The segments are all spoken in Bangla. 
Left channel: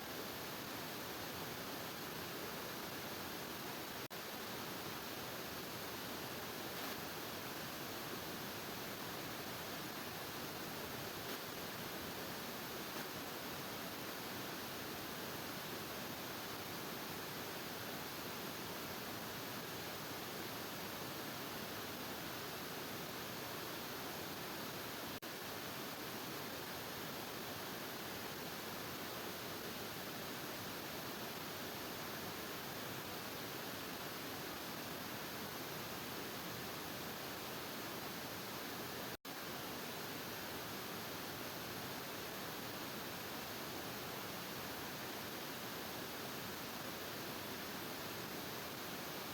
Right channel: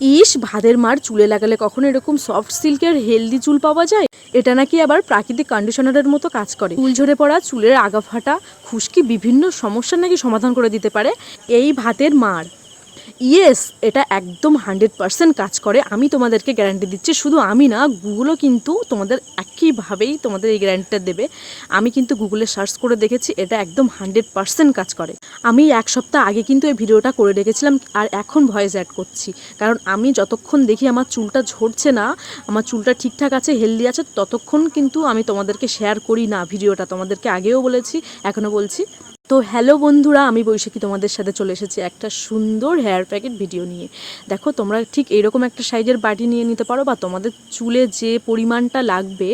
ইস ভাদের মার চুলে লাগালে কখনো এরকম সফট সিল্কের হেলদি চুল পাওয়া যায়? এটা নাকি আবার প্রাকৃতিক কন্ডিশনারের মতো কাজ করে। চুল ঝরে পড়া, চুলের আগা ফাটা, খুশকি বিভিন্ন সমস্যার নাকি সমাধান করে দিতে পারে? এই ভাতের মার। ইয়েস এটা একদম হান্ড্রেড পার্সেন্ট কাজ করে। আমি তোমাদেরকে গ্যারান্টি দিচ্ছি, শুধু আমি না গুগলও কিন্তু তোমাদের একইভাবেই তোমাদের এই গ্যারান্টিটা দেবে। আমি কিন্তু গুগলে সার্চ করে দেখেছি, এটা একদম হান্ড্রেড পার্সেন্ট কাজ করে। আমি এক সপ্তাহ আগে কিন্তু এই ভিডিওটা করে রেখেছিলাম, আর এখন ভয়েস অ্যাড করছি। কারণ আমি যতক্ষণ দেখি আমার চুলটা ঝরছে না, আমার চুলটা ঠিকঠাক আছে হেলদি আছে, ততক্ষণ কিন্তু আমি তোমাদেরকে শেয়ার করি না ভিডিওটা। তোমাদেরকে আগেও বলেছি, এখনও বলছি। তো হ্যালো বন্ধুরা, আমি বৈশাখী তোমাদের সাথে চলে এসেছি একটা সুন্দর হেয়ার প্যাকেট ভিডিও নিয়ে। দেখো, তোমরা ঠিক এরকম একটা সাইজের বাটি নিয়ে নিতে পারো বা তোমাদের চুলে যে পরিমাণটা লাগবে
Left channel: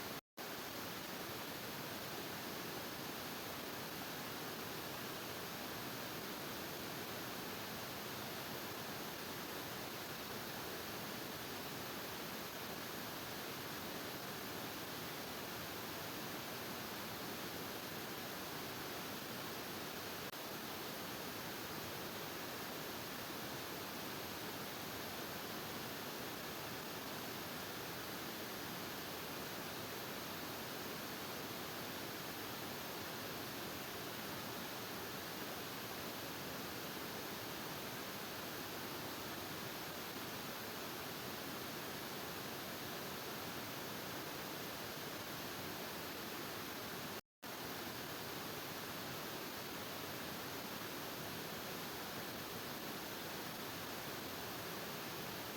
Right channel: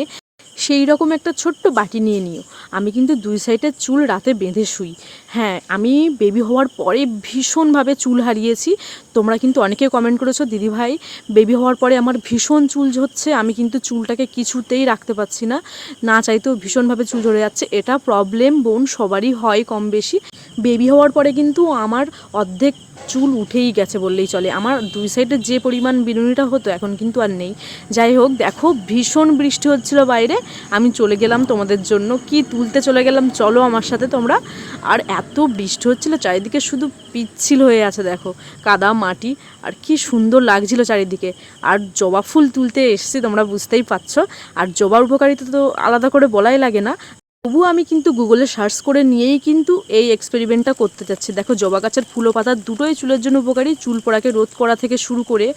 সেই রকম একটা ছোট্ট বাটি নিয়ে নিও। আমি কিন্তু দুই সাইডে চুল রাতে বেঁধে শুই। হ্যাঁ আমি বেবি হওয়ার পরে ভীষণভাবে চুল হারিয়েছি। তোমরা কিন্তু অনেকে কমেন্ট করেছ, দিদি ভাই, বেবি হওয়ার পরে আমার ভীষণ চুল ঝরছে, আমি কিন্তু চুলটাকে কিছুতেই রাখতে পারছি না। না চাইতেও ভীষণভাবে চুল ঝরে যাচ্ছে। এটা প্রবলেম বোন সবারই হয় কম বেশি। বেবি হওয়ার পরে কিন্তু আমার অর্ধেক চুল উঠেই গেছে বললেই চলে। আমার দুই সাইডে যে পরিমাণ বিনুনিটা হতো এখন কিন্তু আর নেই। যাই হোক, দেখো, ভীষণ বৃষ্টি হচ্ছিল বাইরে। আমি চলে গেলাম তোমাদের জন্য। কি তুলতে চলে গেলাম, চলো আমার সাথে তোমরা। আর এত বৃষ্টি হচ্ছিল, চারিদিকে শুধু পিচ্ছিল হয়ে আছে, দেখো। কাদা, মাটি, আর কি সুন্দর লাগছিল চারিদিকে। আর জবা ফুল তুলতে এসেছি, তোমরা বুঝতেই পারছ। আর জবার উপকারিতা তো আলাদা করে বলাই লাগে না। তবুও আমি কিন্তু গুগলে সার্চ করে নিয়েই কিন্তু এই এক্সপেরিমেন্টটা করতে চাচ্ছি দেখো, জবা গাছের ফুলো পাতা দুটোই চুলের জন্য উপকারী। চুল পড়াকে রোধ করা থেকে শুরু করে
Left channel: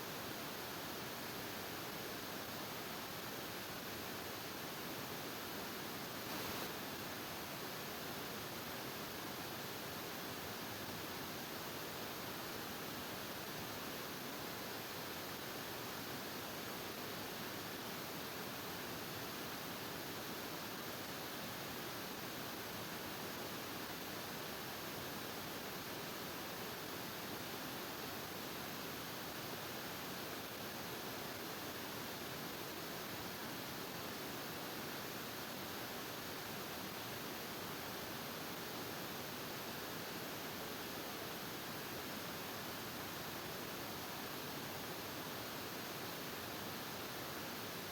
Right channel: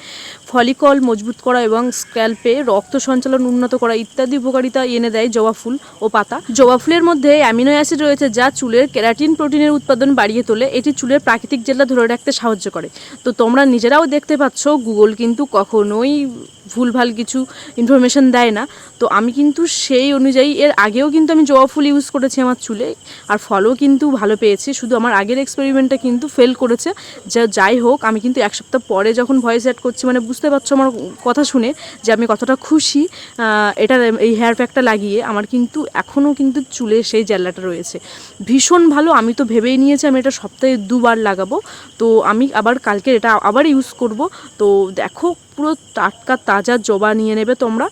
ফলিকল মজবুত করা এবং স্ক্যাল্পে রক্ত সঞ্চালন উন্নত করা ইত্যাদি উপকারিতা এনে দেয় জবা ফুল ও পাতা। জবা ফুলের মধ্যে অ্যামিনো অ্যাসিড রয়েছে যা চুলের কেরাটিন প্রোটিনের উৎপাদন বাড়িয়ে তোলে। এটি চুলের প্রাকৃতিক জেলা ধরে রাখতে সাহায্য করে। তো তোমরা নিজেরাও দেখতে পাচ্ছ গুগল কিন্তু কখনোই ভুলভাল কিছু ইনফরমেশন দেয় না। তো আমি কিন্তু সেই অনুযায়ী এর আগেও কিন্তু আমি জবা ফুল ইউজ করেছি আমার চুলে, আর ফলও কিন্তু ভালো পেয়েছি। শুধু আমার আগের এক্সপেরিমেন্টটা কিন্তু ফেল করেছে। যা যাই হোক, আমি কিন্তু এক সপ্তাহ পরে যখন ভয়েস অ্যাড করছি মানে বুঝতে পারছ আমার কথা শুনে যে আমি কতটা খুশি এটা এই হেয়ার প্যাকটা লাগিয়ে আমার কিন্তু এখনও কিন্তু চুলে সেই জেল্লাটা রয়েছে। ভীষণ ভালো। আমি তো ভেবেই নিয়েছি আমি এটা সপ্তাহে দুবার লাগাবো। তো আমি আবার কালকে এটা আবার ইউজ করব। তো দেখো, পুরো টাটকা তাজা জবা নিয়ে নেবে তোমরা।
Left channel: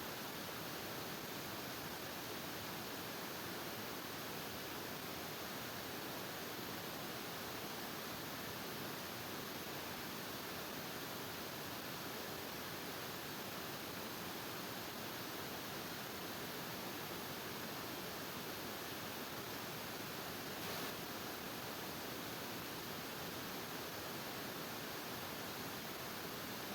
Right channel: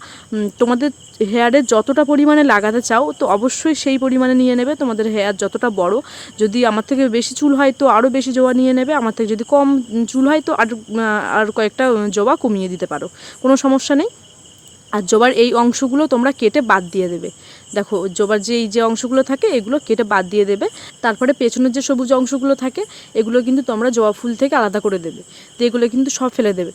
তোমাদের হেয়ারে যতটা পরিমাণে লাগাতে চাও, তো অবশ্যই সেই পরিমাণে নিয়ে নেবে। তোমাদের হেয়ার যতটা বড়। যদি আমার থেকে বেশি চুল হয়, তো আরও বেশি জবা নিয়ে নেবে। আমার থেকে যদি কম চুল হয়, তো আর আর কয়েকটা জবা কমিয়ে দিতে পারো। কোনো সমস্যা নেই। আর জবার এই অংশগুলো তোমরা কেটে বাদ দিয়ে দেবে। দেখো, জবার যে এই যে অংশগুলো থাকে, এগুলো কেটে বাদ দিয়ে দেবে। তারপরে পেছনের যে সবুজ অংশগুলো থাকে, এগুলো কিন্তু তোমরা জবা ফুল থেকে আলাদা করে দেবে। তো এগুলো কিন্তু সব ফেলে দেবে।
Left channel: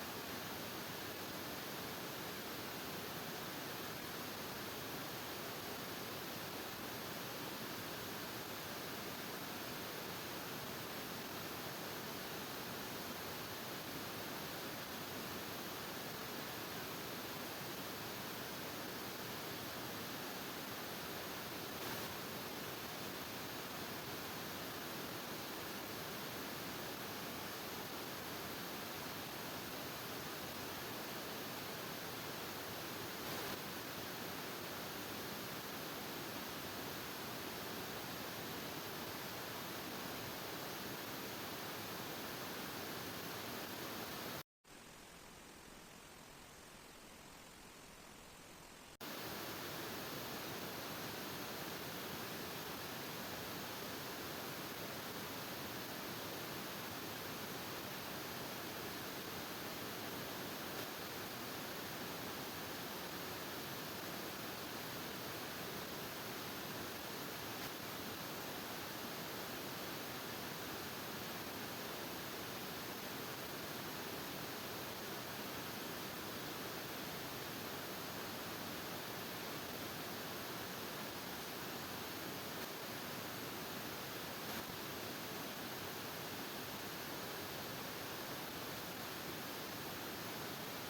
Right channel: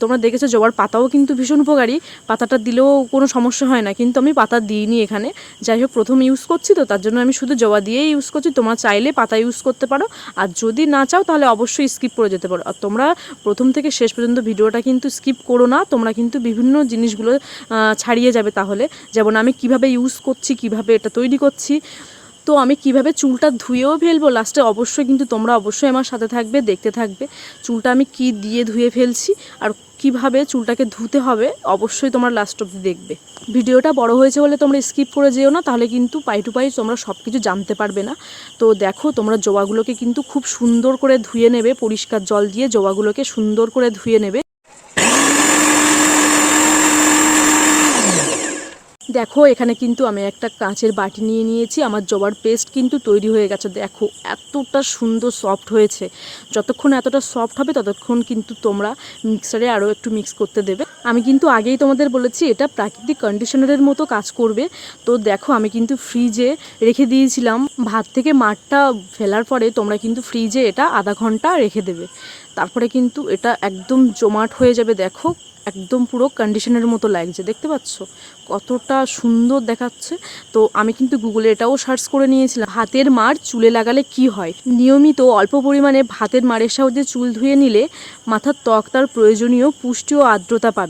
তোমরা দেখেছ জবার পাতাও কিন্তু ভীষণ উপকারী। পাতাটা দিলেও কোনো সমস্যা হয় না। কিন্তু আমি পাতা দিইনি এখানে। যাই হোক, প্রথম ইউজ করছি তো, তার জন্য আমি শুধু জবা দিয়েই ইউজ করছি। তোমরা চাইলে পাতা ইউজ করতে পারো। আর যদি না চাও, তাহলে অবশ্যই স্কিপ করে যেতে পারো। আর তোমরা প্রথম থেকে শেষ পর্যন্ত ভিডিওটা কিন্তু স্কিপ করো না। তোমরা কিন্তু বিভিন্ন জিনিসগুলো ছাড়িয়ে যাবে তাহলে। যেমন আমি কীভাবে ইউজ করছি, কীভাবে এটা তৈরি করছি। তো আমি কীভাবে চুলটা ধুয়েও ফেলব? লাস্টে অবশ্যই কিন্তু তোমরা অবশ্যই আমার সাথে থাকবে, দেখতে থাকবে চুলটা আমি কি দিয়ে ধুয়ে ফেলছি আর কীভাবে চুলটাকে ধুতে হবে অবশ্যই তোমরা লাস্ট অব্দি দেখবে। ভিডিওটা বড় হয়েছে বলে তোমরা স্কিপ করে যেও না, তাহলে কিন্তু পাই টু পাই তোমরা সব কিছু জানতে পারবে না। তো দেখো তোমরা জবাগুলোকে কিন্তু খুব সুন্দর করে ধুয়ে নেবে, পরিষ্কার জল দিয়ে জবাগুলোকে সুন্দর করে ধুয়ে নেবে। দেখো, এখানে কিন্তু আমি একটা কাঁচের বাটি নিয়ে নিয়েছি। আমার জবার পেস্ট কিন্তু তৈরি হয়ে গেছে। দেখো, এতটা সুন্দর সফট হয়েছে। যতক্ষণ এতটা সফট হবে, ততক্ষণ কিন্তু তোমরা মিক্সারে আরও একটু মিক্স করতে দেবে। আমি কিন্তু আগেই তোমাদের বলেছি, এটা প্রাকৃতিক কন্ডিশনারের মতো কাজ করবে। তো দেখো, আমি কিন্তু ফ্রিজে রেখে দিয়েছিলাম। ভাত থেকে মাঠটা ফেলার পরে তোমরা কিন্তু ফ্রিজে এটা আধা ঘণ্টা রেখে দেবে। তারপরে কিন্তু এটা একদম জমাট হয়ে যাবে, দেখো, একদম পুরো কন্ডিশনের মতো লাগছে, দেখতে পাচ্ছ? কতটা সুন্দর দেখাচ্ছে। তো আমি কিন্তু গুগলে এটাও সার্চ করে নিয়েছিলাম হাতের মার চুলে লাগালে কি হয়? নিয়মিত অল্প পরিমাণে ভাতের মারের সাহায্যে চুল ধুয়ে নিলে মাথার ত্বক তার প্রয়োজনীয় পুষ্টি ও আর্দ্রতা পাবে।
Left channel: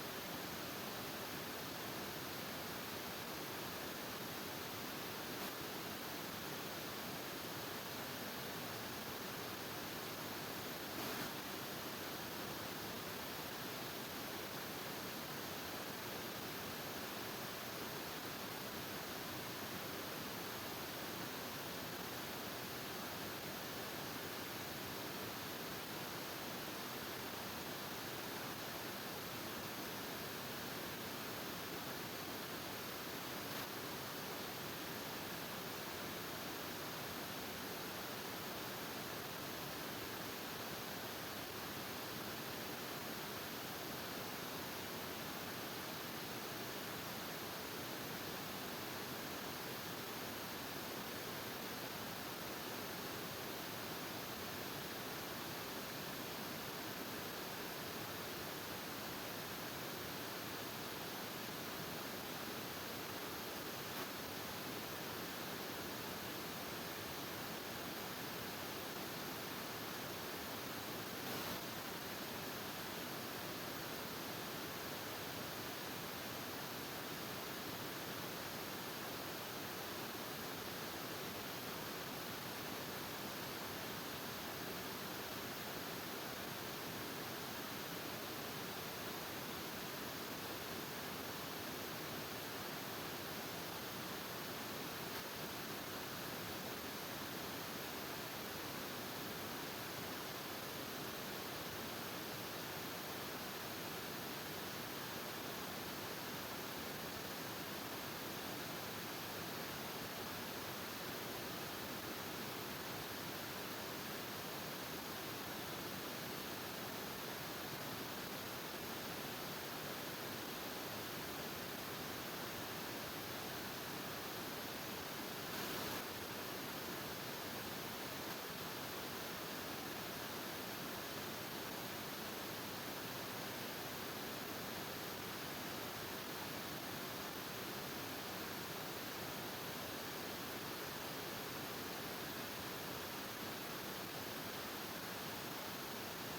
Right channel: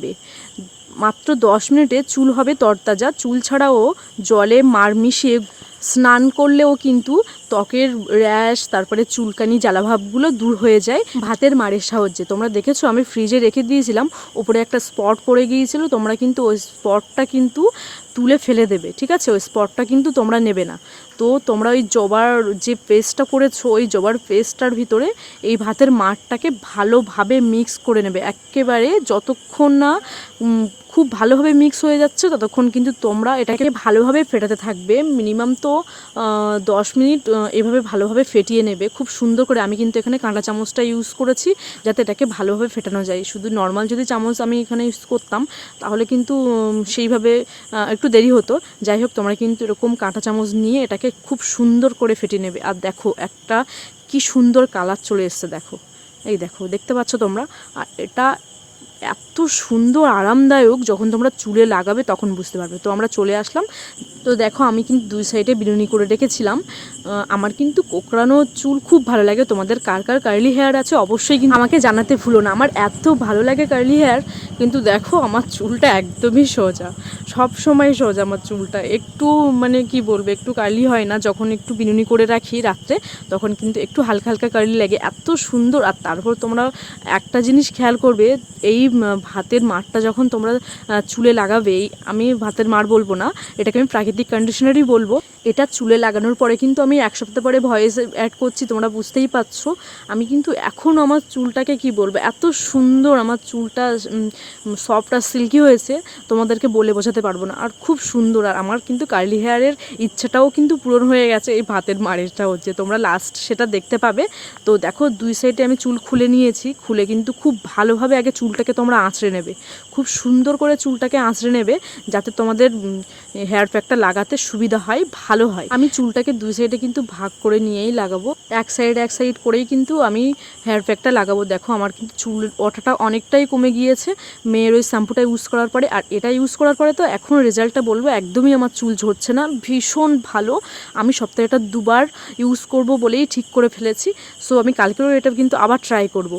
মাত্র দশ মিনিটে চুল হবে তরতাজা। চুল ছাড়াও জলে মার মিশিয়ে স্নান করলেও কিন্তু ত্বকের র্যাশ, তারপরে চুলকানি জ্বালাভাবগুলো দূর হয়ে যায়। ভাতের মারের সাহায্যে। তোমরা দেখেছ, আমি ফ্রিজে রেখে দিয়েছিলাম। ওপরে একটা স্পট পড়ে গিয়েছিল। তোমরা কিন্তু ওই স্পটটা কিন্তু তুলে ফেলে দেবে, ঠিক আছে? ওই স্পটটা কিন্তু তোমরা নেবে না। তো তোমরা ওই জবার যে পেস্টটা করেছ ওই জবার পেস্টটার ভিতরে এই ভাতের মাঠটাকে ভালোভাবে মিক্স করে নেবে। একেবারে যতক্ষণ না খুব ভালোভাবে মিক্স হয়ে যাচ্ছে, ততক্ষণ কিন্তু তোমরা এটাকে ভালোভাবে ফেটাতে থাকবে। মিনিমাম তো দশ মিনিট এভাবে ভালোভাবে ফেটিয়ে নেবে। খুব সুন্দর করে আমি কিন্তু এখানে কাঁটা চামচটা ইউজ করেছি, যাতে এটাকে ভালোভাবে ফেটানো যায়। শুধু নর্মাল যদি চামচ আমি এখানে ইউজ করতাম, তাহলে কিন্তু সেইভাবে একটু দেরি হতো। যাই হোক, তোমরা কিন্তু এরকম কাঁটা চামচ নিয়ে এটাকে খুব সুন্দর করে ফেটিয়ে নেবে। আর দেখো, একটা কি সুন্দর কালার চলে এসছে, দেখো। এই দেখো, দেখতে পাচ্ছ তোমরা? আর এটা এত সুন্দর, আরামদায়ক, যখন তোমরা চুলে লাগাবে তখন বুঝতে পারবে। তো আমরা চলে আসলাম। তো দেখো, আমি কিন্তু দুই সাইডে বিনুনি করে রেখেছিলাম। আমার কিন্তু কোকড়ানো চুল খুব ভালো লাগে। তোমাদের কার কার কার্লি হেয়ার আছে অবশ্যই কিন্তু আমাকে জানাতে ভুলো না। আমার এত ভালো লাগে কার্লি হেয়ার কিন্তু দেখো, আমার চুলটা একদমই সোজা। সব সময় সোজা আমার চুলটা। একটু মানে কি বলব, একটু কার্লি হয় না। যখন একটু বিনুনি করে রাখি রাত্রে, তখন কিন্তু একটু হালকা হালকা কার্লি লাগে। এত সুন্দর। আর তারপর তোমরা একটা জিনিস খেয়াল করবে, এই ভাতের মারটা যখন তোমরা চুলে লাগাবে আমি ভাতের মার বলব না, এটাকে আমি প্রাকৃতিক কন্ডিশনারই বলব। এটা চুলে লাগানোর পরে কিন্তু আমি এক সপ্তাহ পরে ভয়েস অ্যাড করছি, তোমরা বুঝতেই পারছ। আমি কিন্তু এখন আমার চুলটাকে কি বলব, এত সুন্দর আমার চুলটা সফট আর সিল্কি হয়েছে, তোমাদেরকে বলে বোঝাতে পারব না। আর খুব সুন্দর, আর আমার কিন্তু কার্লি হেয়ারের ইচ্ছাটাও কিন্তু পূরণ হয়ে গেছে, এই ভাতের মারেরটা হচ্ছে। তোমরা লাস্ট সেটা দেখতে পাবে। তো দেখো, দুই সাইডে আমি চুল খুলে নিয়েছি, খুলে কিন্তু খুব ভালোভাবে আগে চুলটাকে তোমরা আঁচড়ে নেবে। খুব সুন্দর করে চুলটাকে আঁচড়ে নেবে যাতে তোমাদের হেয়ার প্যাকটা লাগাতে সুবিধা হয়, ভালো হয়। আমি চুলটাকে দুই সাইডে কিন্তু ভাগ করে নিয়েই লাগাবো। এক সাইড এক সাইড করেই কিন্তু আমি হেয়ার প্যাকটা লাগাবো। দেখো আমার কিন্তু চুল ওঠাটা অনেকটাই কমে গিয়েছে। মেয়ের ওই শ্যাম্পুটা ইউজ করার পরে, আর এটা ইউজ করার পরে তো এখন রেজাল্টটা বলব, একদমই আমার চুল ঝরছে না। ভীষণ ভালো। আমি সপ্তাহে এটা দুবার ইউজ করব বলেই ঠিক করে ফেলেছি। সো আমি কালকেও এটা কিন্তু আবার ট্রাই করব।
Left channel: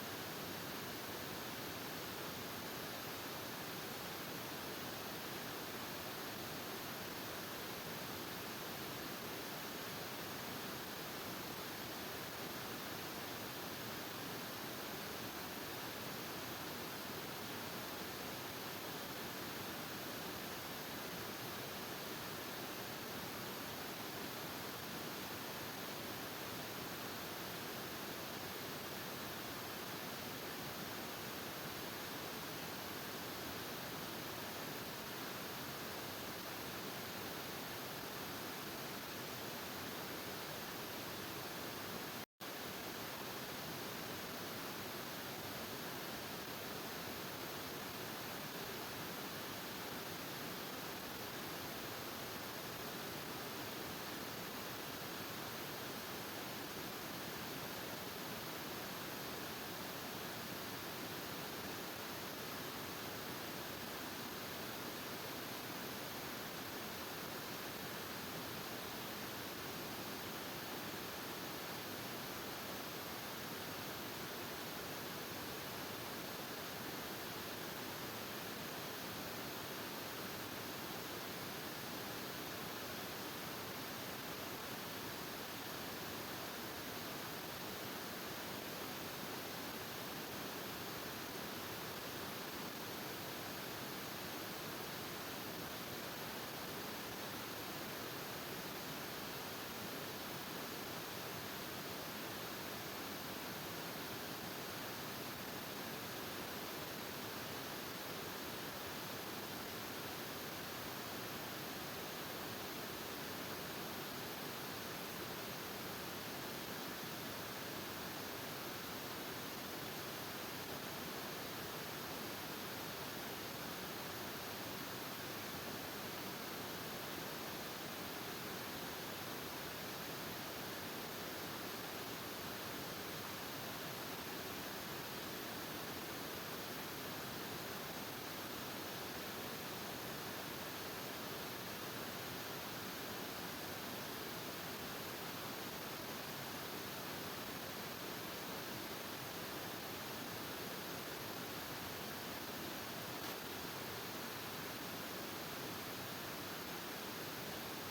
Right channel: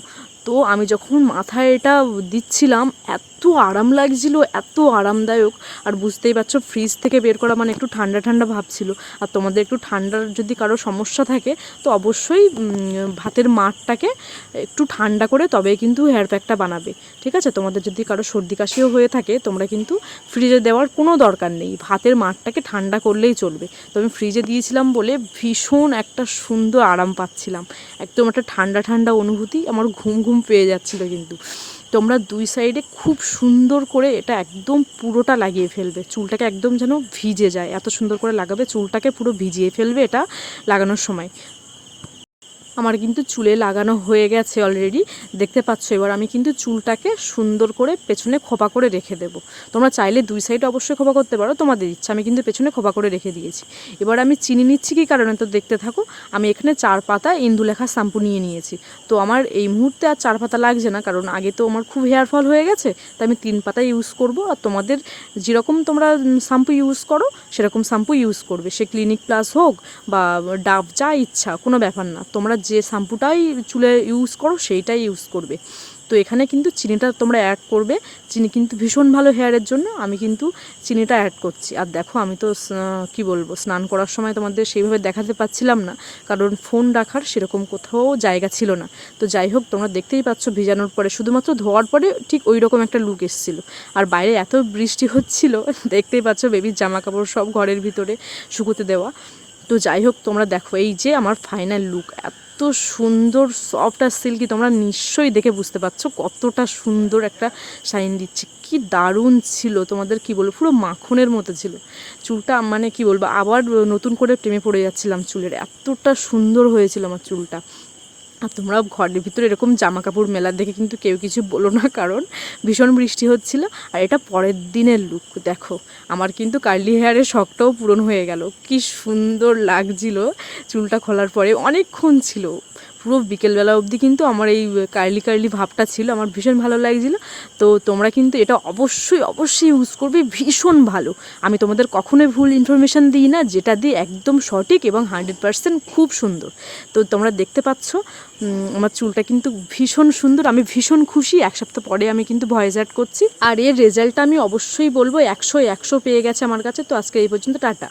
তো আমি যখন মাথায় এটা দিচ্ছিলাম এত আরাম লাগছিল, এত আরামদায়ক। আর বুঝতেই পারছ ফ্রিজ থেকে বের করা মানে একটু ঠান্ডা ঠান্ডা ভাব ছিল। আর তোমাদের একটু ঠান্ডার যদি কারও সমস্যা থাকে, তো অবশ্যই ভাতের মাঠটাকে একটু ঠান্ডা করে তবেই কিন্তু হেয়ার প্যাকটা বানাবে। ঠিক আছে? তোমাদের যদি কারও সর্দি কাশিও হয়ে থাকে, তোমরা কিন্তু ফ্রিজে দেওয়ার কোনো দরকার নেই। ভাতের মাঠটাকে ঠান্ডা করলেই চলবে। তো আমি ফ্রিজে দিয়েছিলাম বলে ভীষণ একটা সুন্দর আরাম পাচ্ছিলাম। একদম একটা ঠান্ডা ঠান্ডা অনুভূতি, আমার ঘুম ঘুম পেয়ে যাচ্ছিল কিন্তু। তোমরা দুই সাইডে খুব সুন্দর করে এটা একদম পুরোটা লাগিয়ে ফেলবে। চুলটাকে একদম যেন ভিজে যায়। এত সুন্দর করে লাগাবে, চুলটাকে পুরো ভিজিয়ে ফেলবে এটা লাগানোর সময়। আমার কিন্তু চুলে লাগানো হয়ে গেছে অলরেডি দেখতে পাচ্ছ, এবার আমি কিন্তু চুলটাকে সুন্দর করে পেছনে খোপা করে রেখে দেবো। তোমরা চাইলে দুই সাইডে অবশ্যই খোপা করতে পারো, তোমাদের ইচ্ছা। আমি কিন্তু পেছনে খোপা করে রেখে দিয়েছি। এবার আমি চিনি নিচ্ছি কি কারণে? তো দেখতে থাকো, আমি এখানে চার পাতা ইন্দুলেখা শ্যাম্পু নিয়ে নিয়েছি। তো আমার এই মুহূর্তে আর চার পাতা লাগছে না, কারণ আগে তো আমার খুব হেয়ার ফল হয়ে গেছে, তাই আমি তিন পাতা ইউজ করব। আর তোমাদের যেরকম তোমরা শ্যাম্পু ইউজ করো, সেরকম শ্যাম্পু ইউজ করবে। সে ক্লিনিক প্লাস হোক বা ডাব যা ইচ্ছা, কোনো ব্যাপার না। তোমরা যে শ্যাম্পুটাই চুলে ইউজ করো, সেইটাই ইউজ করবে। তো এখানে কিন্তু চিনিটা তোমরা অ্যাড করবে। চিনি কিন্তু ভীষণ ভালো হেয়ারের জন্য, আমি কিন্তু চিনিটা অ্যাড করছি। আর দেখো, আমি তো কি বলব, স্নান করার সময় তোমাদের সেইভাবে দেখাতে পাচ্ছিলাম না, কারণ ফোন রাখার সেরকম কোথাও জায়গা ছিল না। তো যাই হোক, তোমরা দেখতেই পাচ্ছ ভিজানোর পরে, শুধুমাত্র ধোয়ার পরে ঠিক ওই রকম একটা লুক এসেছিল। আর বাইরে এত বৃষ্টি হচ্ছিল, দেখতেই পাচ্ছ বেবির জামা কাপড় সব ঘরের ভিতরে শুকোতে দেওয়া। তো যাই হোক, তোমরা দেখো, এই যে আমার ফাইনাল লুক এত সুন্দর সফট আর সিল্কি তোমরা নিশ্চয়ই দেখে বুঝতে পারছ কতটা সুন্দর একটা শাইন দিচ্ছে। কি দারুণ ছিল, তোমাদের কি বলব? পুরো মাখনের মতো ছিল। চুলটা মানে কি বলব? আবার নতুন করে প্রেমে পড়ে যাচ্ছিলাম চুলের, এতটা সুন্দর হয়েছিল আমার চুলটা। আর তোমরা ঘরের ভিতরে এরকম জামা কাপড় মেলা দেখে কিন্তু কেউ কিছু বলো না, কারণ ভীষণ বৃষ্টি হচ্ছিল। আর এটা পরের দিনের লুক দেখো। আমার কিন্তু কার্লি হেয়ারের শখটাও পূরণ হয়ে গেল। কি সুন্দর লাগছিল চুলটা খোলার পরে। অনেকক্ষণ ছিল। পুরো বিকেলবেলা অবধি কিন্তু আমার এই কার্লি কার্লি ভাবটা ছিল, আমার ভীষণ ভালো লাগছিল। তো তোমরা কিন্তু এটা অবশ্যই অবশ্যই ইউজ করবে, ভীষণ ভালো। আমি তোমাদের কখনোই ভুল ইনফরমেশান দিই না, যেটা দিয়ে একদম সঠিক এবং হান্ড্রেড পার্সেন্ট খুব সুন্দর। তো তোমরা দেখতে পাচ্ছ আমার চুলটা কিন্তু ভীষণ সুন্দর, আমি ভীষণ খুশি। এক সপ্তাহ পরে আমি কিন্তু ভয়েস অ্যাড করছি। আর এর রেজাল্টটা আমি অবশ্যই বলব, একশো একশো পেয়ে গেছে আমার কাছে। তো আজকে এই পর্যন্ত টাটা।